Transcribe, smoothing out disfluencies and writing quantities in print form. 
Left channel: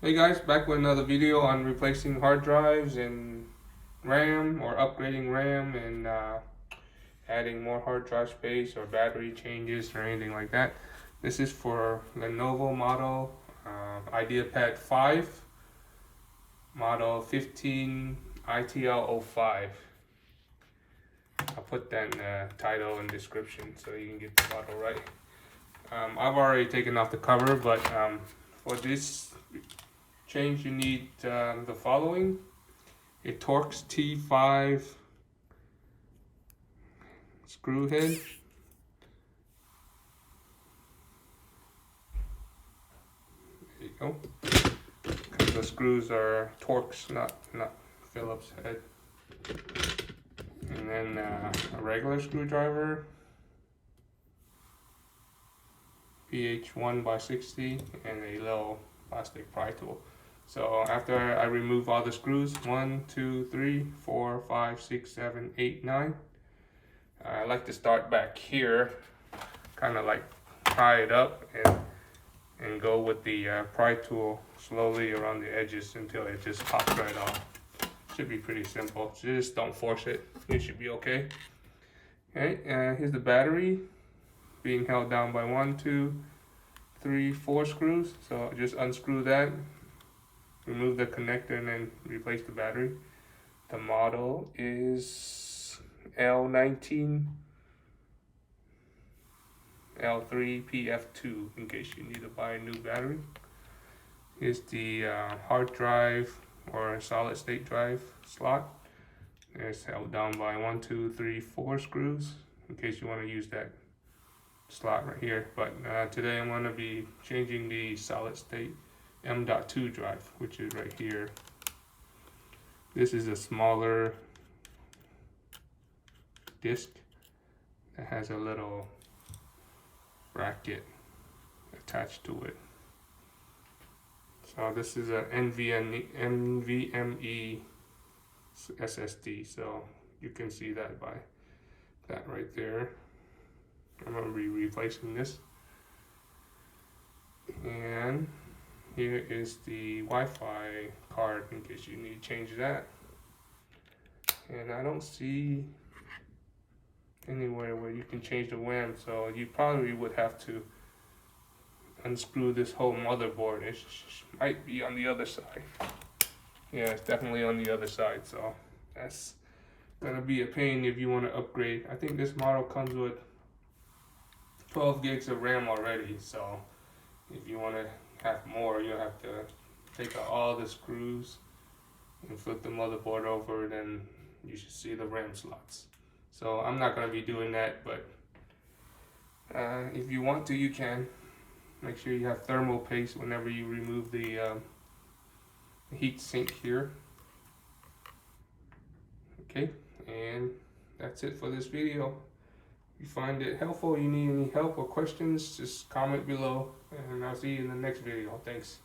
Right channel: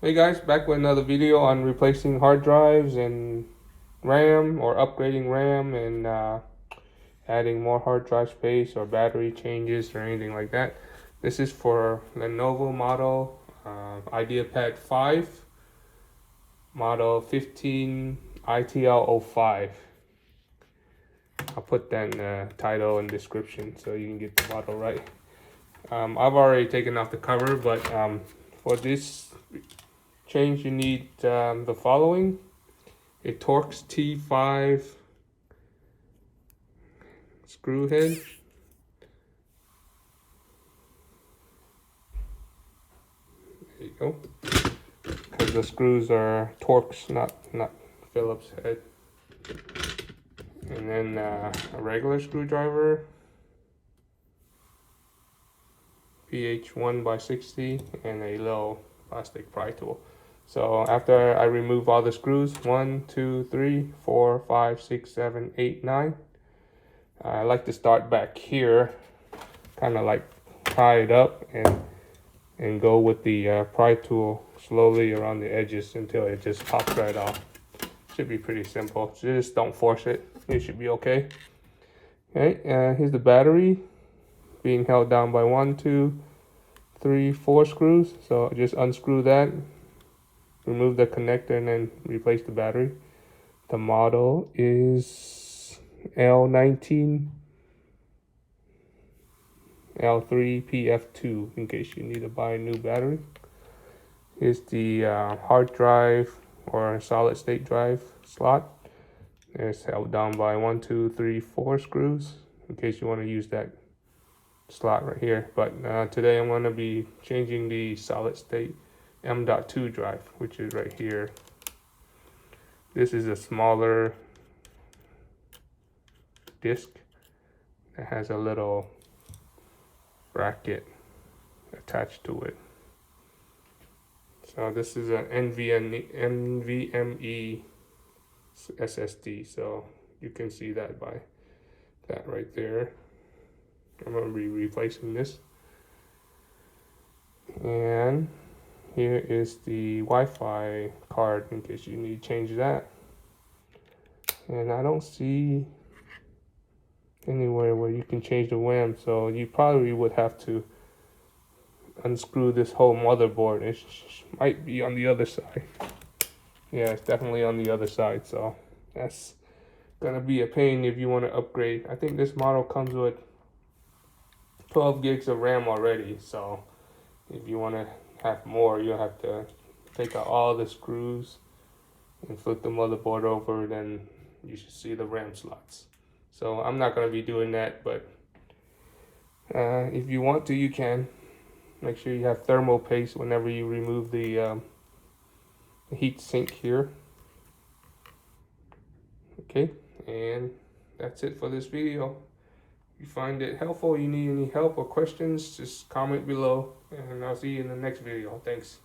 Hey guys, back with another video on replacing hard drives and RAM, or upgrading RAM and adding more hard drive space or battery changes or anything like that. This is for Lenovo model IdeaPad 5, model 15 ITL05. I'll put that in the title and description so you can get the model right. I've already taken off the cover, but for this change you need the following: a Torx T5 screw head, there you go, because the screws are Torx, not Phillips head. And then a regular screwdriver, PH 1x60, and a little plastic pry tool. So after I remove all the screws, 1, 2, 3, 4, 5, 6, 7, 8, 9, I like to start back here, kind of like pry it up and go with the pry tool slowly around the edges until it just pops right off. Should be pretty simple. Just don't force it. It should be okay. Okay, here's the battery being held down by 1, 2, 3, 4 screws. So just unscrew that, remove the connector, and then replace the battery. The model is L19 L3PF2 in case you need to buy a new battery. Here's the hard drive or solid state drive slot. It's held down by 1, 2, 3, 4 screws in case you want to use that slot right here. But today I'm going to be changing the solid state M.2 drive, which is right here. This is a smaller disc that has a little bracket attached to it. So this is an NVMe SSD, so you can see that by that right there. I'm going to be replacing this. And here is the Wi-Fi card in case you need to change that. And I don't see anywhere where you can change the RAM, so you probably would have to unscrew this whole motherboard. It might be on the other side. Yeah, it's definitely on the other side, so that's gonna be a pain if you want to upgrade. I think this model comes with 12 gigs of RAM already, so if you want to have more, you'll have to take out all the screws and flip the motherboard over, then you should see the RAM slots. So I'm not gonna be doing that, but if you want to, you can. Make sure you have thermal paste whenever you remove the heat sink here. Okay, and that's it for this video. If you find it helpful, you need any help or questions, just comment below, and I'll see you in the next video. Thanks.